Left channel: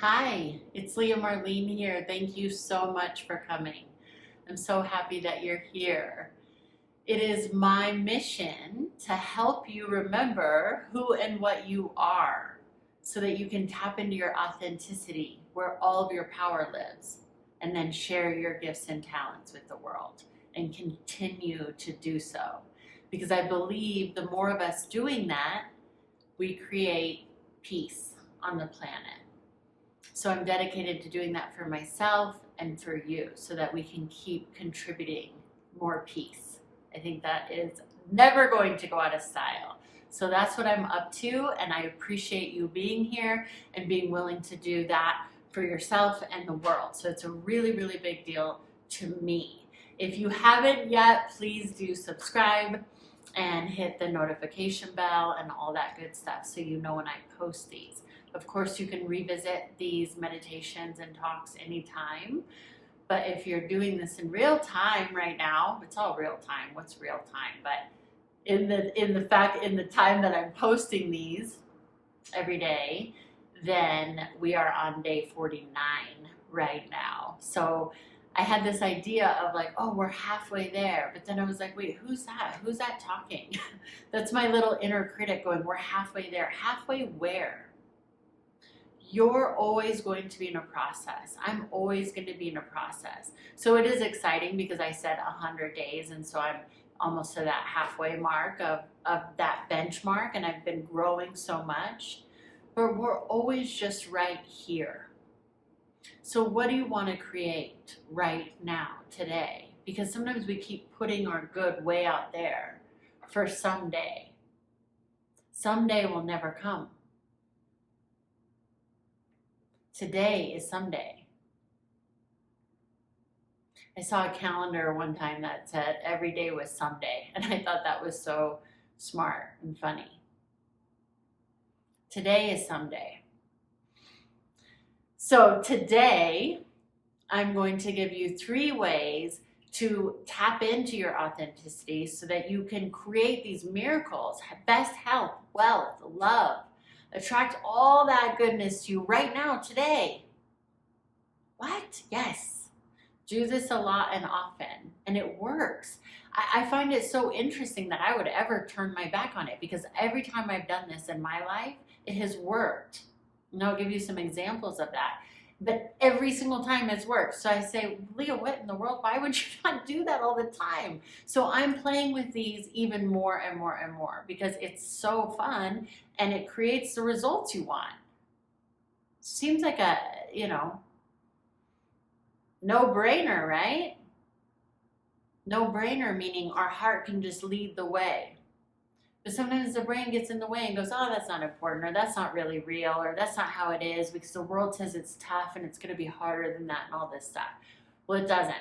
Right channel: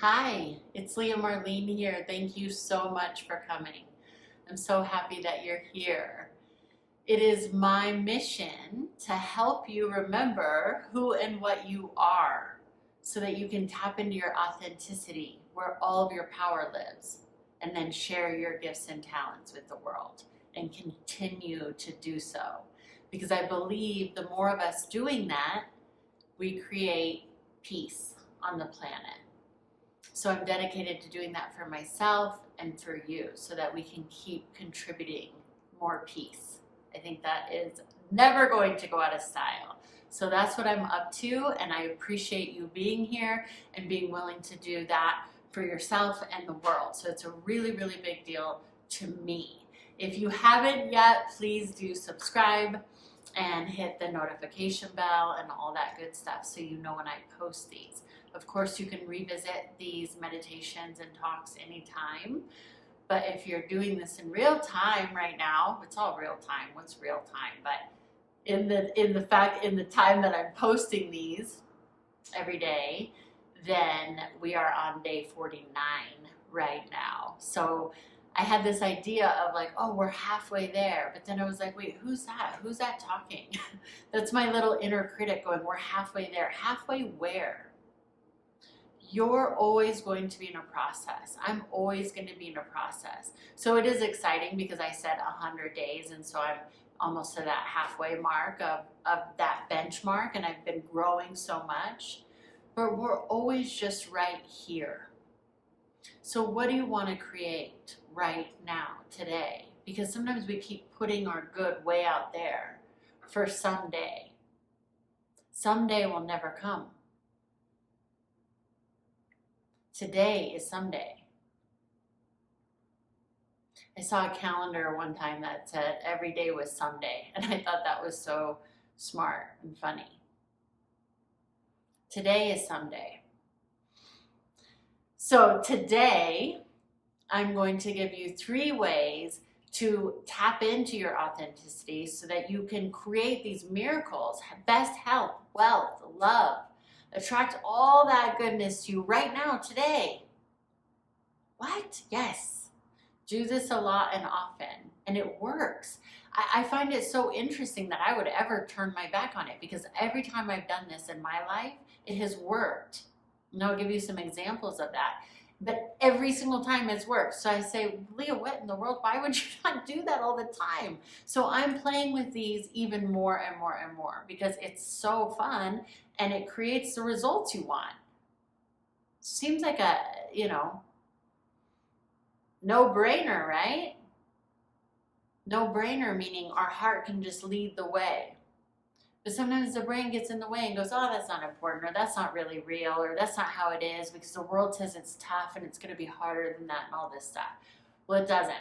Hi, it's Leah Marlene here. Thank you so much for coming. I'm so happy that you're here. It is my mission to help you remember who and what you are so that you can tap into your authenticity where all of your power lives and then share your gifts and talents with the world and continue to do so. Because I believe the more of us doing that, we create peace on the planet. So I'm dedicated to doing that for myself and for you so that we can keep contributing more peace. I think that is never going to go out of style. So that's what I'm up to, and I appreciate you being here and being willing to do that for yourself and the world. So it's a really, really big deal to me. If you haven't yet, please do subscribe and hit the notification bell and all that good stuff so you know when I post these. Of course, you can revisit these meditations and talks anytime. But if you're doing this in real time right now, it's all real time. What's real time? But in the time that I'm posting these every day, then we are on day 49 right now. So I had this idea of like, oh, we're halfway there. But then I was like, wait, who's that? Who's that talking? That's my little inner critic going, we're halfway there. Halfway where? You're always going to be in a process. I'm always going to be in a process. So it is exciting because I said 100 days. And so I'm almost to that halfway mark of that benchmark. And I've been growing so much. But we're always just right here. So what do you want to create right now, today? Because sometimes we keep putting our good way out there for someday. Someday will never come. Today is someday. I saw a calendar one time that said every day was someday, and I thought that was so smart and funny. Today is someday. So today, I'm going to give you 3 ways to tap into your authenticity so that you can create these miracles, best health, wealth, love, attract all that goodness to you right now, today. What? Yes. Do this a lot and often, and it works. I find it so interesting that I would ever turn my back on it because every time I've done this in my life, it has worked. And I'll give you some examples of that. But every single time it's worked. So I say, Leah, what in the world? Why would you not do that all the time? So I'm playing with these even more and more and more because it's so fun and it creates the results you want. Seems like a, no-brainer, right? No-brainer, meaning our heart can just lead the way. But sometimes the brain gets in the way and goes, oh, that's not important, or that's not really real, or that's not how it is, because the world says it's tough and it's going to be harder than that and all this stuff. Well, it doesn't.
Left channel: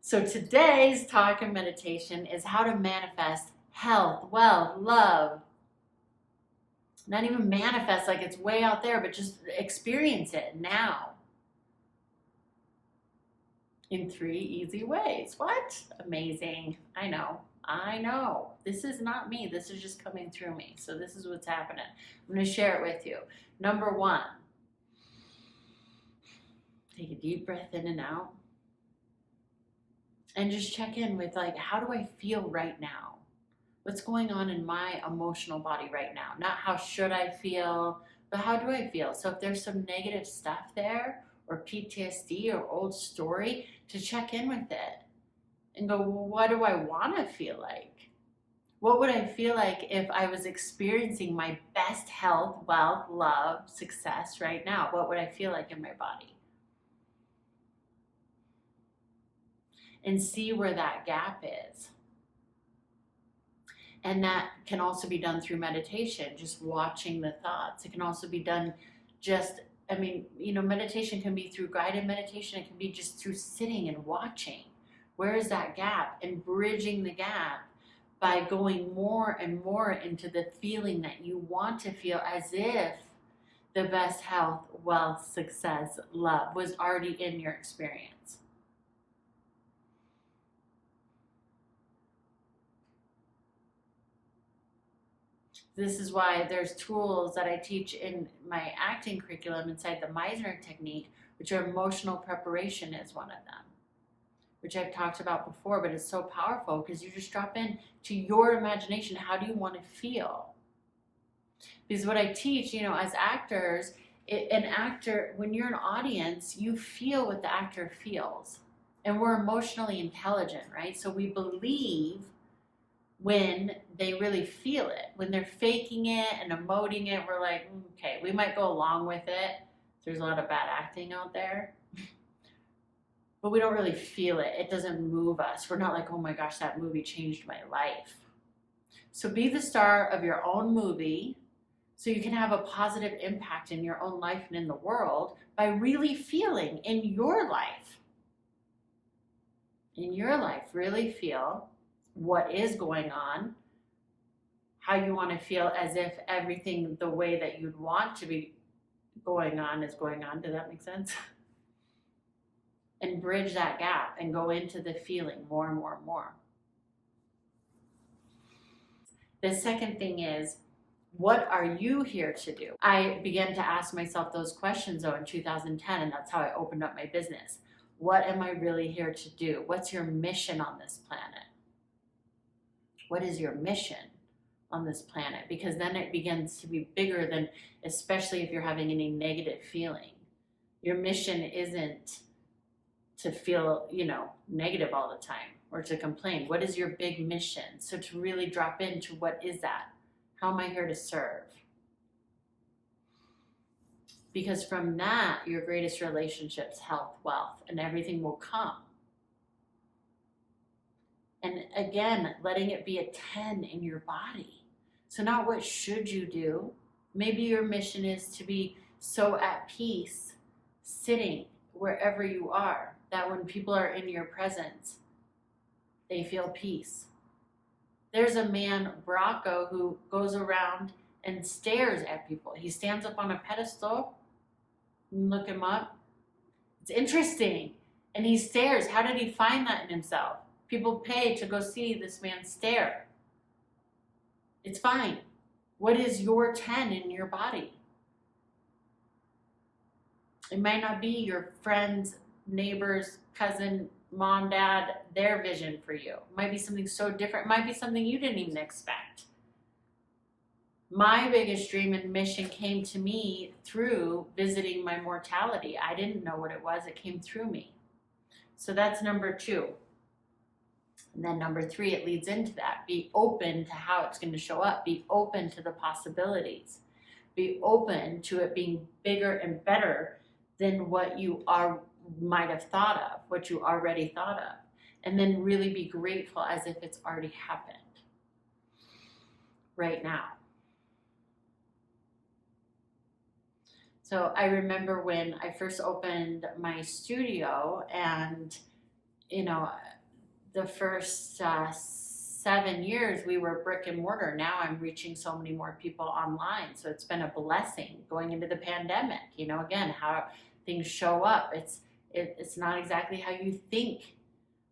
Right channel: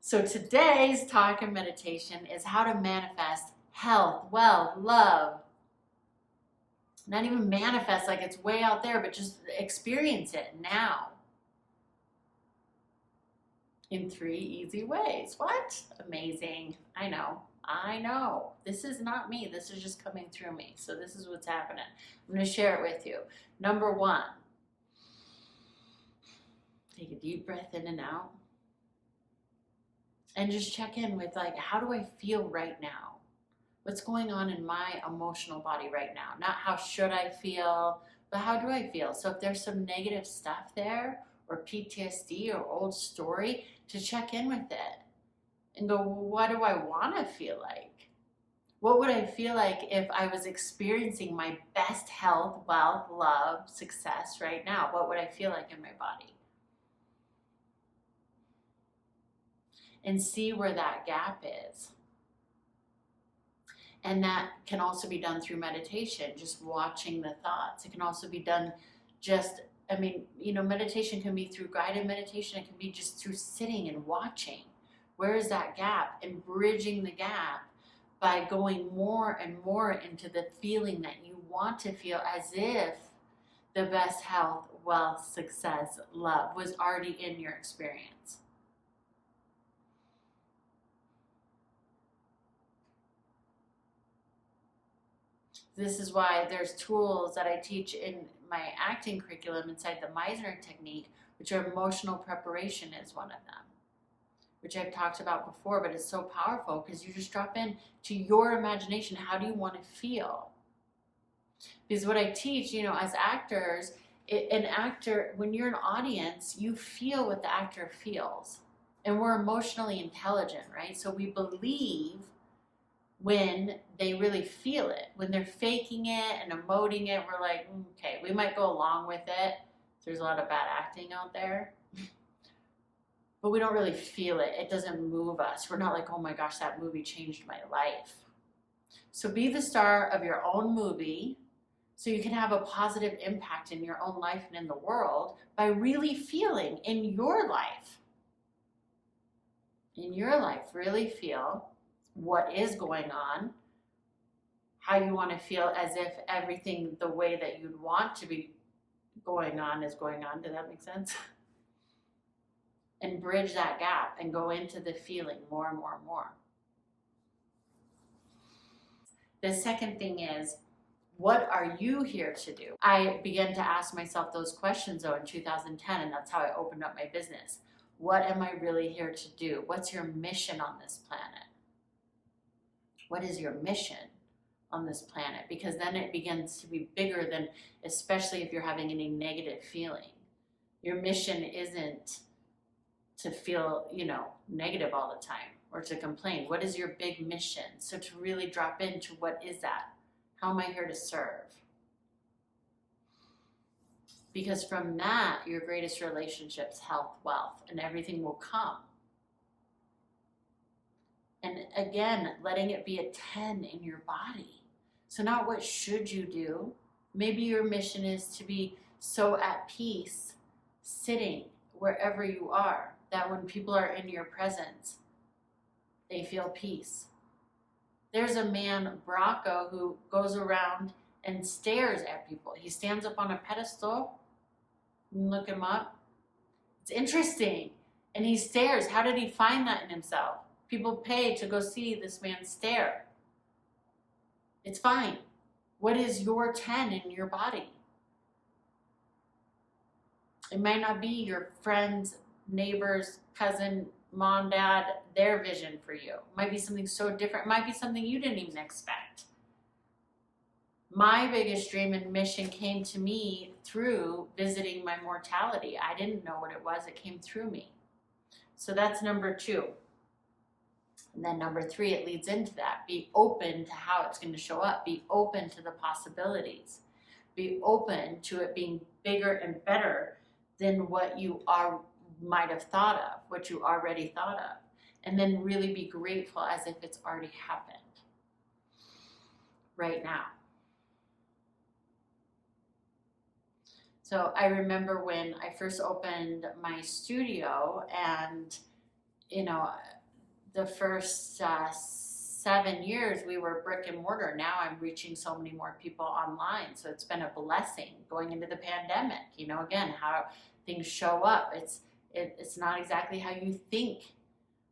So today's talk and meditation is how to manifest health, wealth, love. Not even manifest like it's way out there, but just experience it now. In 3 easy ways. What? Amazing. I know. This is not me. This is just coming through me. So this is what's happening. I'm going to share it with you. Number 1, take a deep breath in and out. And just check in with like, how do I feel right now? What's going on in my emotional body right now? Not how should I feel, but how do I feel? So if there's some negative stuff there, or PTSD or old story, to check in with it and go, well, what do I want to feel like? What would I feel like if I was experiencing my best health, wealth, love, success right now? What would I feel like in my body? And see where that gap is. And that can also be done through meditation, just watching the thoughts. It can also be done meditation can be through guided meditation. It can be just through sitting and watching. Where is that gap? And bridging the gap by going more and more into the feeling that you want to feel, as if the best health, wealth, success, love was already in your experience. This is why there's tools that I teach in my acting curriculum inside the Meisner technique, which are emotional preparation is one of them, which I've talked about before, but it's so powerful because you just drop in to your imagination. How do you want to feel? Because what I teach, as actors, an actor, when you're an audience, you feel what the actor feels. And we're emotionally intelligent, right? So we believe when they really feel it. When they're faking it and emoting it, we're like, okay, we might go along with it. There's a lot of bad acting out there. But we don't really feel it. It doesn't move us. We're not like, oh my gosh, that movie changed my life. So be the star of your own movie so you can have a positive impact in your own life and in the world by really feeling in your life. In your life, really feel what is going on, how you want to feel as if everything the way that you'd want to be going on is going on. Does that make sense? And bridge that gap and go into the feeling more and more and more. The second thing is, what are you here to do? I began to ask myself those questions though in 2010, and that's how I opened up my business. What am I really here to do? What's your mission on this planet? What is your mission on this planet? Because then it begins to be bigger than, especially if you're having any negative feeling. Your mission isn't to feel, negative all the time or to complain. What is your big mission? So to really drop into what is that? How am I here to serve? Because from that, your greatest relationships, health, wealth, and everything will come. And again, letting it be a 10 in your body. So not what should you do. Maybe your mission is to be so at peace, sitting wherever you are, that when people are in your presence, they feel peace. There's a man, Bracco, who goes around and stares at people. He stands up on a pedestal. You can look him up. It's interesting. And he stares. How did he find that in himself? People pay to go see this man stare. It's fine. What is your 10 in your body? It might not be your friends, neighbors, cousin, mom, dad, their vision for you. It might be something so different. It might be something you didn't even expect. My biggest dream and mission came to me through visiting my mortality. I didn't know what it was. It came through me. So that's number 2. And then number 3, it leads into that. Be open to how it's going to show up. Be open to the possibilities. Be open to it being bigger and better than what you might have thought of, what you already thought of. And then really be grateful as if it's already happened right now. So I remember when I first opened my studio, and the first 7 years we were brick and mortar. Now I'm reaching so many more people online. So it's been a blessing going into the pandemic. Again, how things show up. It's not exactly how you think.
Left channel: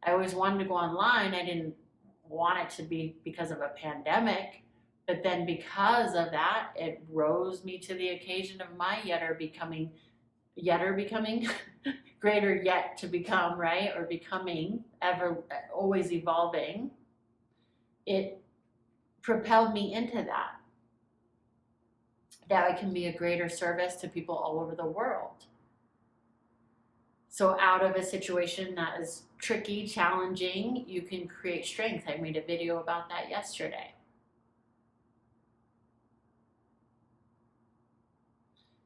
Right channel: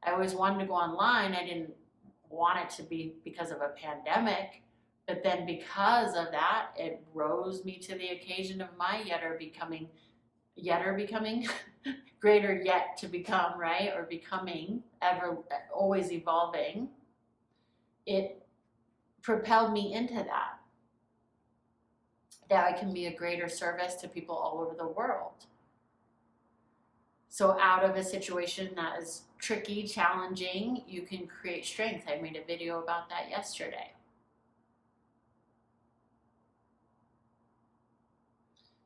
I always wanted to go online. I didn't want it to be because of a pandemic. But then because of that, it rose me to the occasion of my yetter becoming greater yet to become, right? Or becoming, ever, always evolving. It propelled me into that I can be a greater service to people all over the world. So out of a situation that is tricky, challenging, you can create strength. I made a video about that yesterday.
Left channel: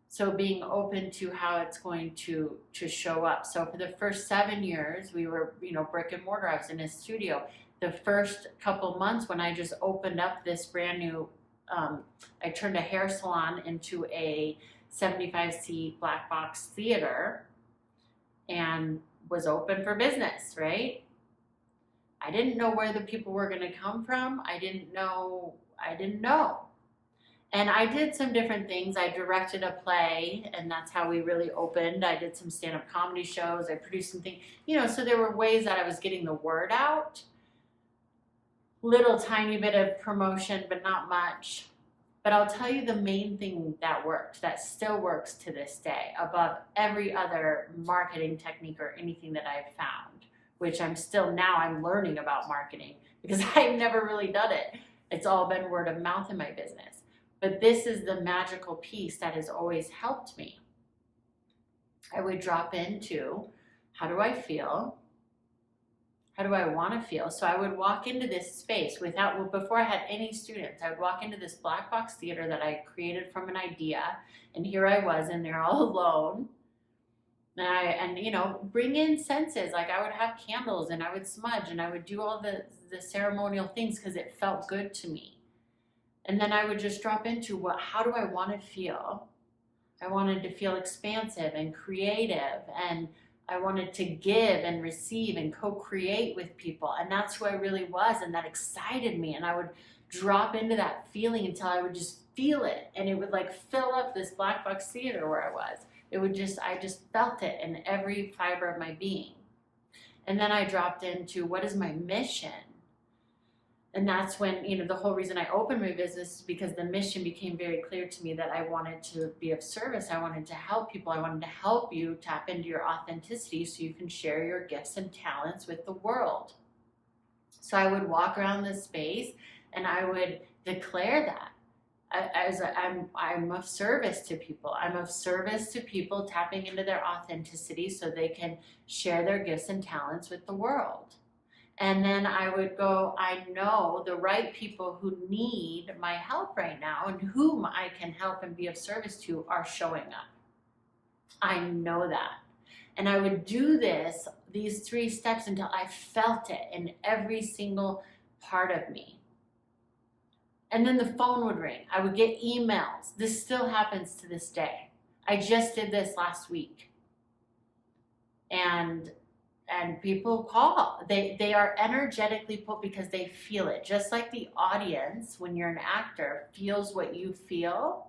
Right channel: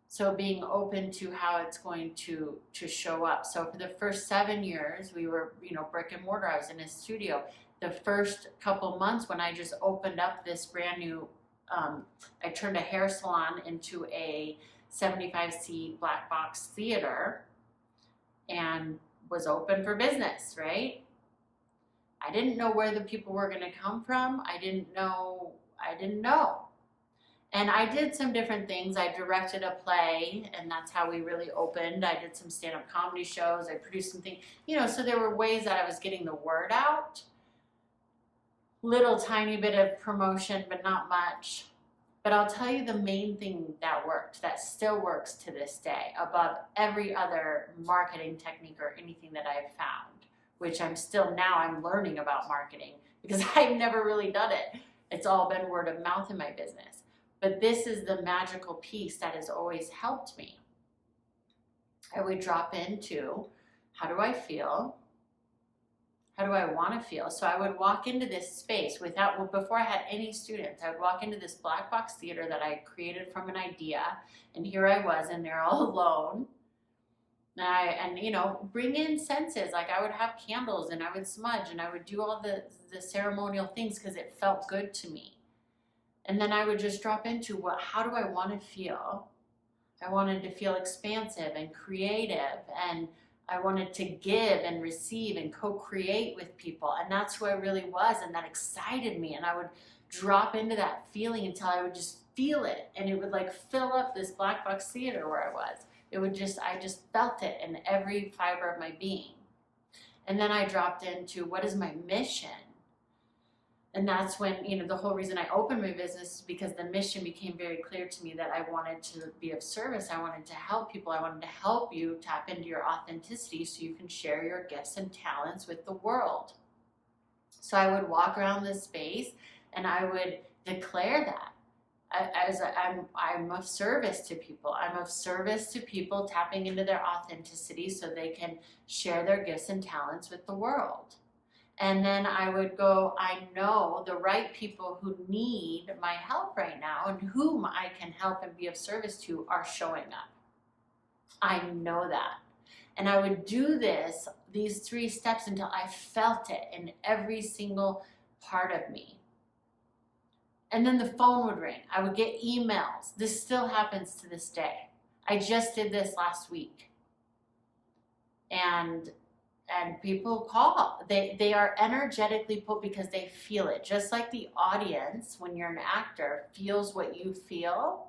So being open to how it's going to show up. So for the first 7 years, we were, brick and mortar. I was in a studio. The first couple months when I just opened up this brand new, I turned a hair salon into a 75-seat black box theater and was open for business, right? I didn't know where the people were going to come from. I didn't know. And I did some different things. I directed a play, and that's how we really opened. I did some stand-up comedy shows. I produced some things, so there were ways that I was getting the word out. Little tiny bit of promotion, but not much. But I'll tell you the main thing that worked, that still works to this day, above every other marketing technique or anything that I've found, which I'm learning about marketing because I've never really done it. It's all been word of mouth in my business. But this is the magical piece that has always helped me. I would drop into, how do I feel? How do I want to feel? So I would walk into this space before I had any students, I would walk into this black box theater that I created from an idea. And here I was in there all alone. And bring in senses. Like I would have candles and I would smudge and I would do all the ceremonial things because it felt good to me. And then I would just drop into how do I want to feel? I wanted to feel expansive and creative, and I wanted to give and receive and co-create with people. And that's who I really was. And that excited me. And I would drop into that feeling until I would just feel it. And it would like fill up this black box theater where I was. I just felt it in every fiber of my being. And then I dropped into, what is my mission? And that's when, the whole reason I opened my business is because the mission became very clear to me that I wanted to be of service. I wanted to help people. I wanted to help you tap into your authenticity so you can share your gifts and talents with the world. So I would walk around this space and I would declare that. I'm of service to people. I'm of service to people tapping into their authenticity so they can share their gifts and talents with the world. And then I would go, I know the right people who need my help right now and whom I can help and be of service to are showing up. I know that. And I would do these 3 steps until I felt it in every single part of me. And then the phone would ring. I would get emails. This still happens to this day. I just did this last week. And people call. They are energetically pulled because they feel it. Just like the audience, when you're an actor, feels what you feel.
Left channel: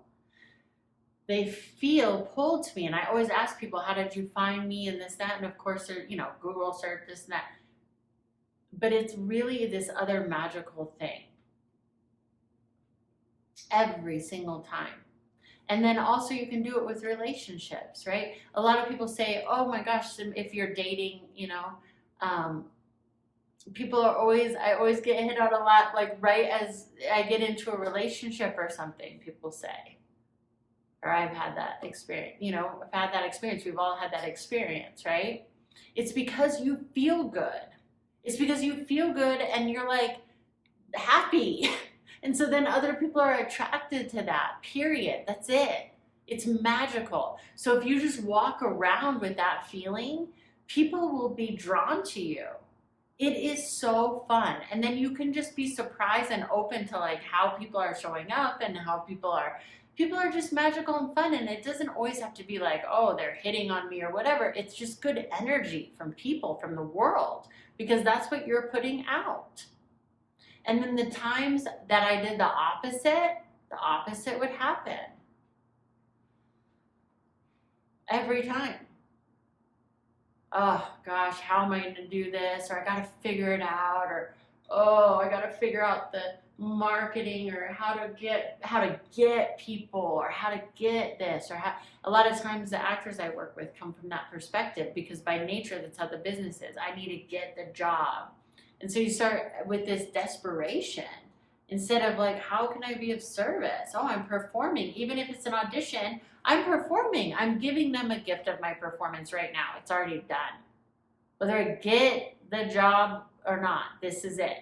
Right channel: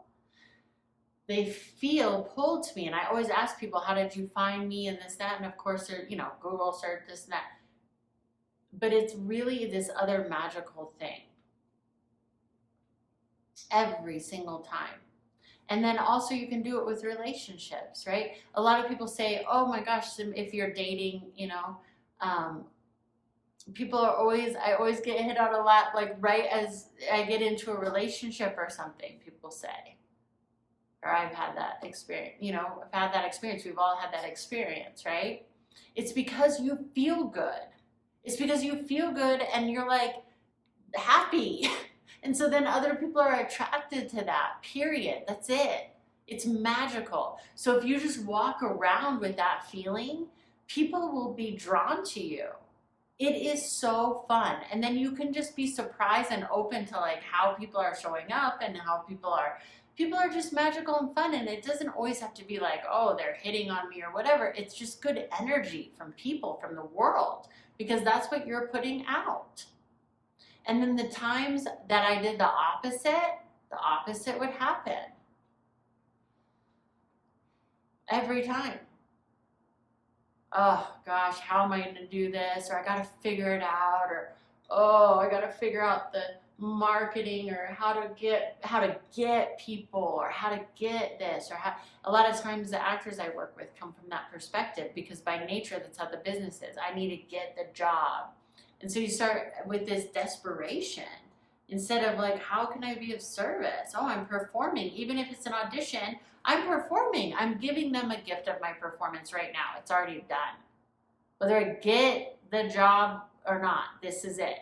They feel pulled to me. And I always ask people, how did you find me and this, that? And of course, Google search, this and that. But it's really this other magical thing. Every single time. And then also you can do it with relationships, right? A lot of people say, oh my gosh, if you're dating, people are I always get hit out a lot, like right as I get into a relationship or something, people say, or I've had that experience, I've had that experience. We've all had that experience, right? It's because you feel good. It's because you feel good and you're like happy. And so then other people are attracted to that, period. That's it. It's magical. So if you just walk around with that feeling, people will be drawn to you. It is so fun. And then you can just be surprised and open to like how people are showing up and how people are just magical and fun. And it doesn't always have to be like, oh, they're hitting on me or whatever. It's just good energy from people, from the world, because that's what you're putting out. And then the times that I did the opposite would happen. Every time. Oh gosh, how am I going to do this? Or I got to figure it out. Or, oh, I got to figure out the marketing or how to get people or how to get this. Or a lot of times the actors I work with come from that perspective because by nature, that's how the business is. I need to get the job. And so you start with this desperation instead of like, how can I be of service? Oh, I'm performing. Even if it's an audition, I'm performing. I'm giving them a gift of my performance right now. It's already done. Whether I get the job or not, this is it.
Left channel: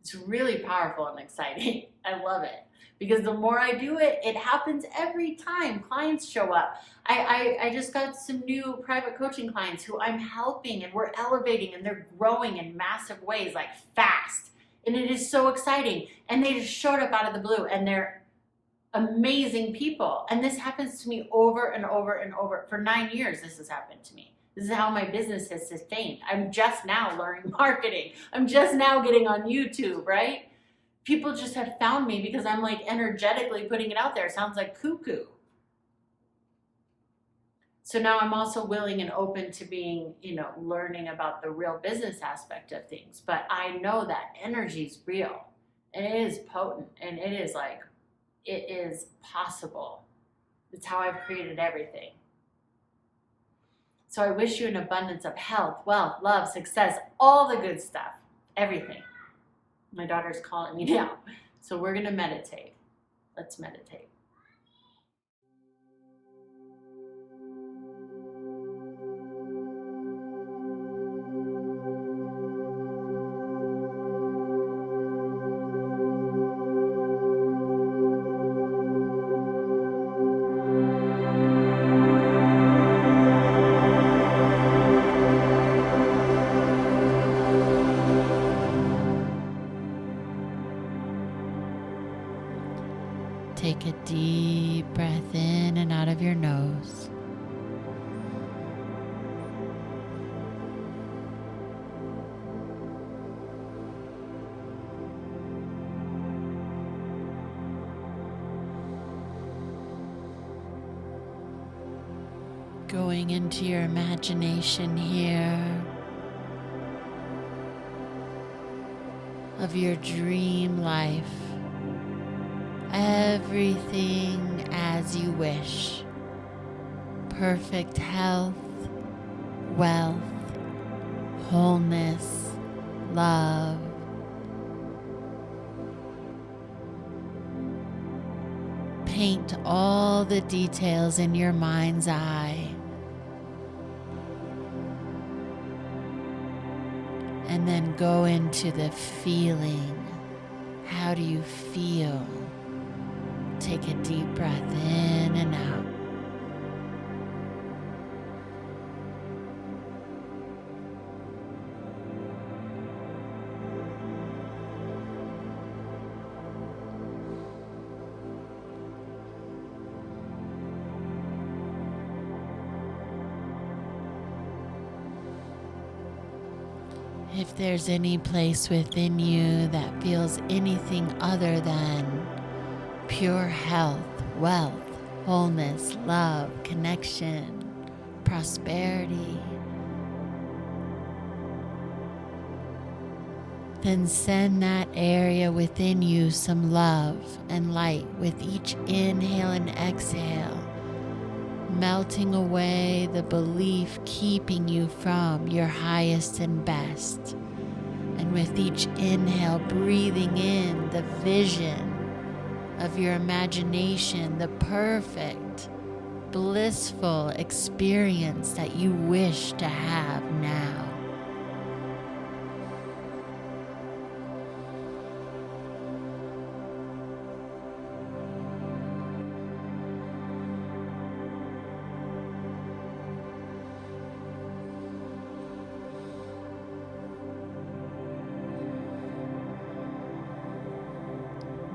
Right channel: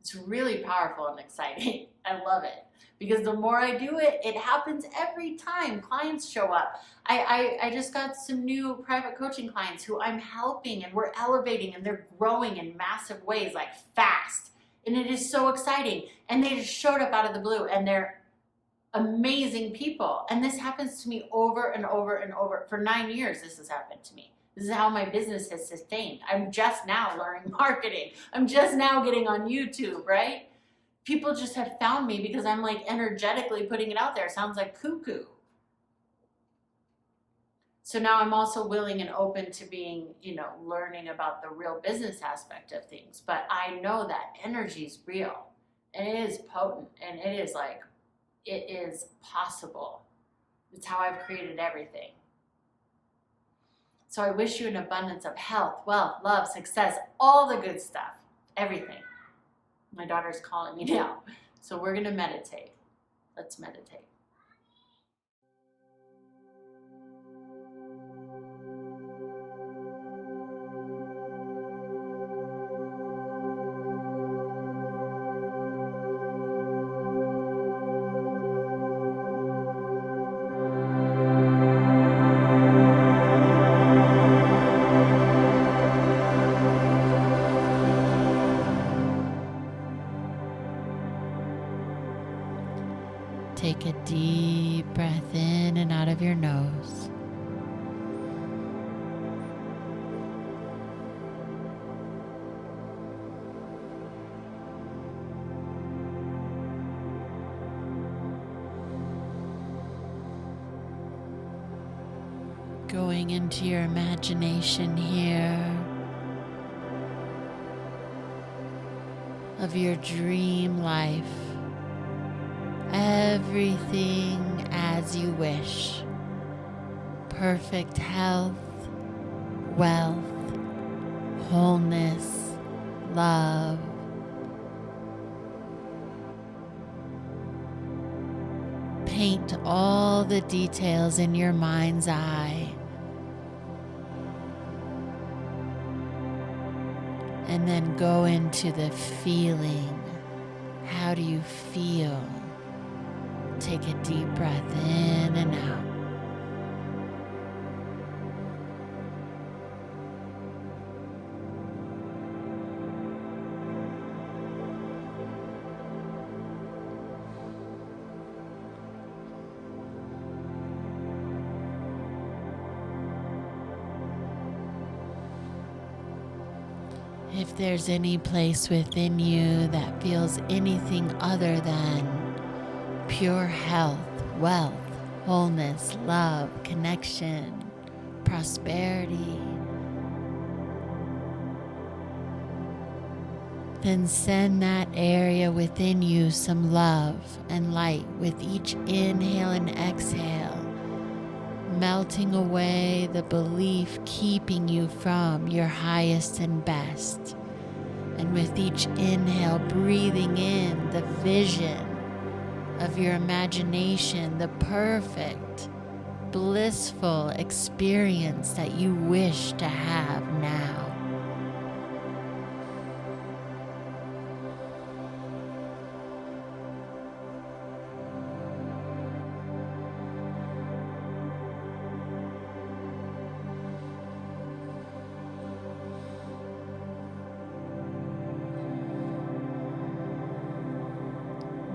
It's really powerful and exciting. I love it. Because the more I do it, it happens every time. Clients show up. I just got some new private coaching clients who I'm helping and we're elevating and they're growing in massive ways, like fast. And it is so exciting. And they just showed up out of the blue and they're amazing people. And this happens to me over and over and over. For 9 years, this has happened to me. This is how my business has sustained. I'm just now learning marketing. I'm just now getting on YouTube, right? People just have found me because I'm like energetically putting it out there. It sounds like cuckoo. So now I'm also willing and open to being, learning about the real business aspect of things. But I know that energy is real. And it is potent, and it is possible. It's how I've created everything. So I wish you an abundance of health, wealth, love, success, all the good stuff, everything. My daughter's calling me now. So we're going to meditate. Let's meditate. Take a deep breath in and out of your nose. Going into your imagination here of your dream life. Everything as you wish. Perfect health, wealth, wholeness, love. Paint all the details in your mind's eye. And then go into the feeling. How do you feel? Take a deep breath in and out. If there's any place within you that feels anything other than pure health, wealth, wholeness, love, connection, prosperity, then send that area within you some love and light with each inhale and exhale, melting away the belief keeping you from your highest and best. And with each inhale, breathing in the vision of your imagination, the perfect, blissful experience that you wish to have now.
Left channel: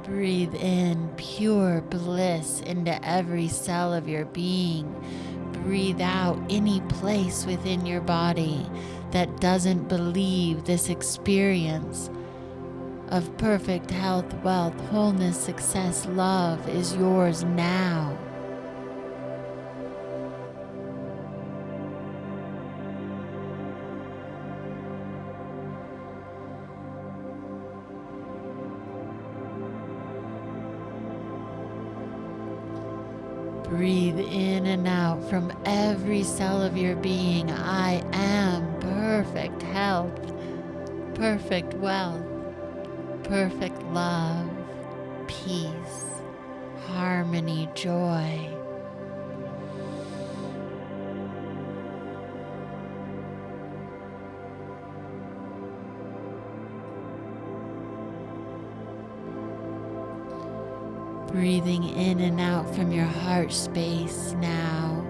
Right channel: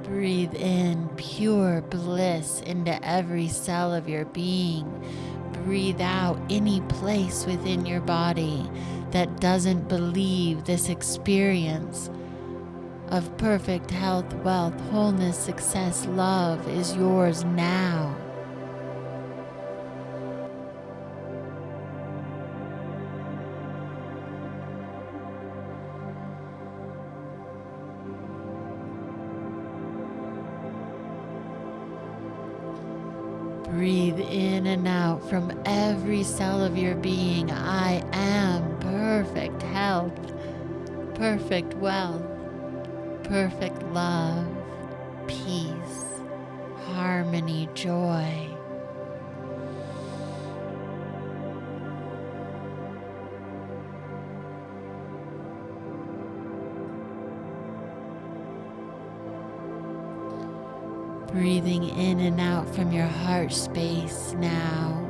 Breathe in pure bliss into every cell of your being. Breathe out any place within your body that doesn't believe this experience of perfect health, wealth, wholeness, success, love is yours now. Breathe in and out from every cell of your being. I am perfect health, perfect wealth, perfect love, peace, harmony, joy. Breathing in and out from your heart space now,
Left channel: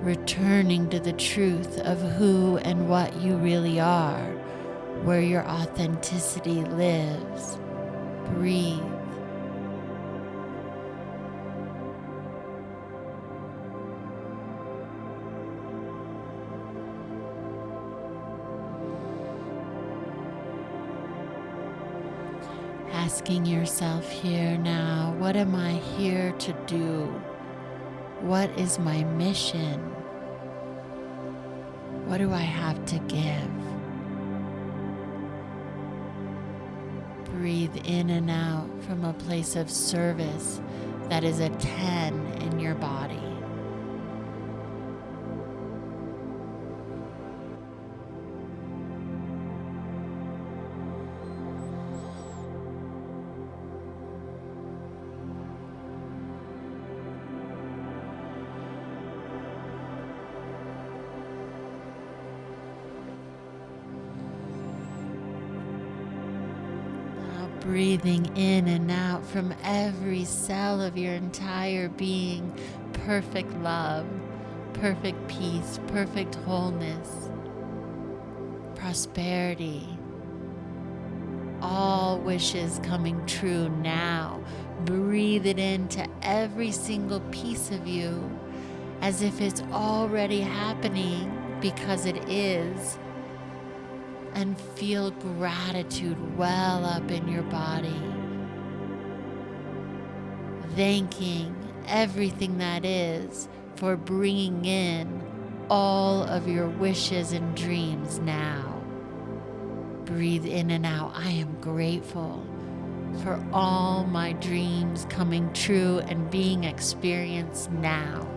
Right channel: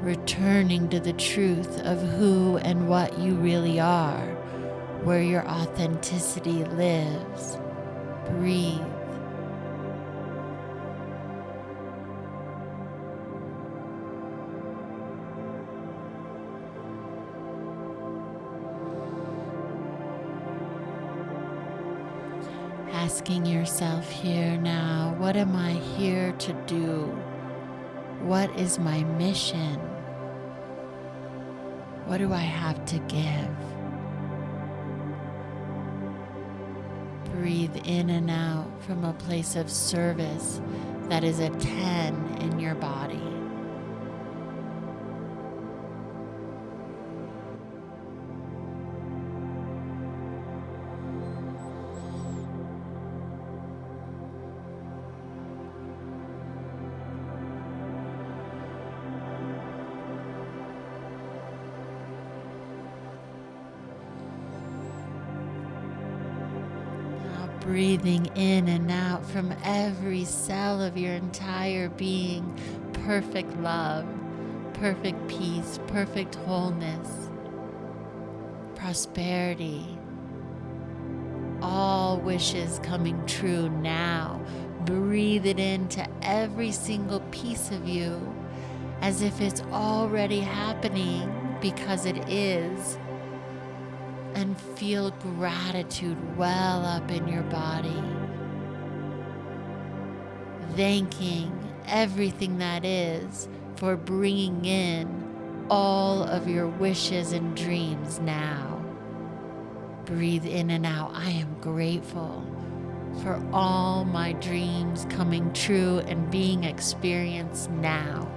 returning to the truth of who and what you really are, where your authenticity lives. Breathe. Asking yourself here now, what am I here to do? What is my mission? What do I have to give? Breathe in and out from a place of service that is a 10 in your body. Breathing in and out from every cell of your entire being, perfect love, perfect peace, perfect wholeness, prosperity, all wishes coming true now. Breathe it into every single piece of you as if it's already happening, because it is. And feel gratitude well up in your body, thanking everything that is for bringing in all of your wishes and dreams now. Breathe in and out. I am grateful for all my dreams coming true and being experienced now.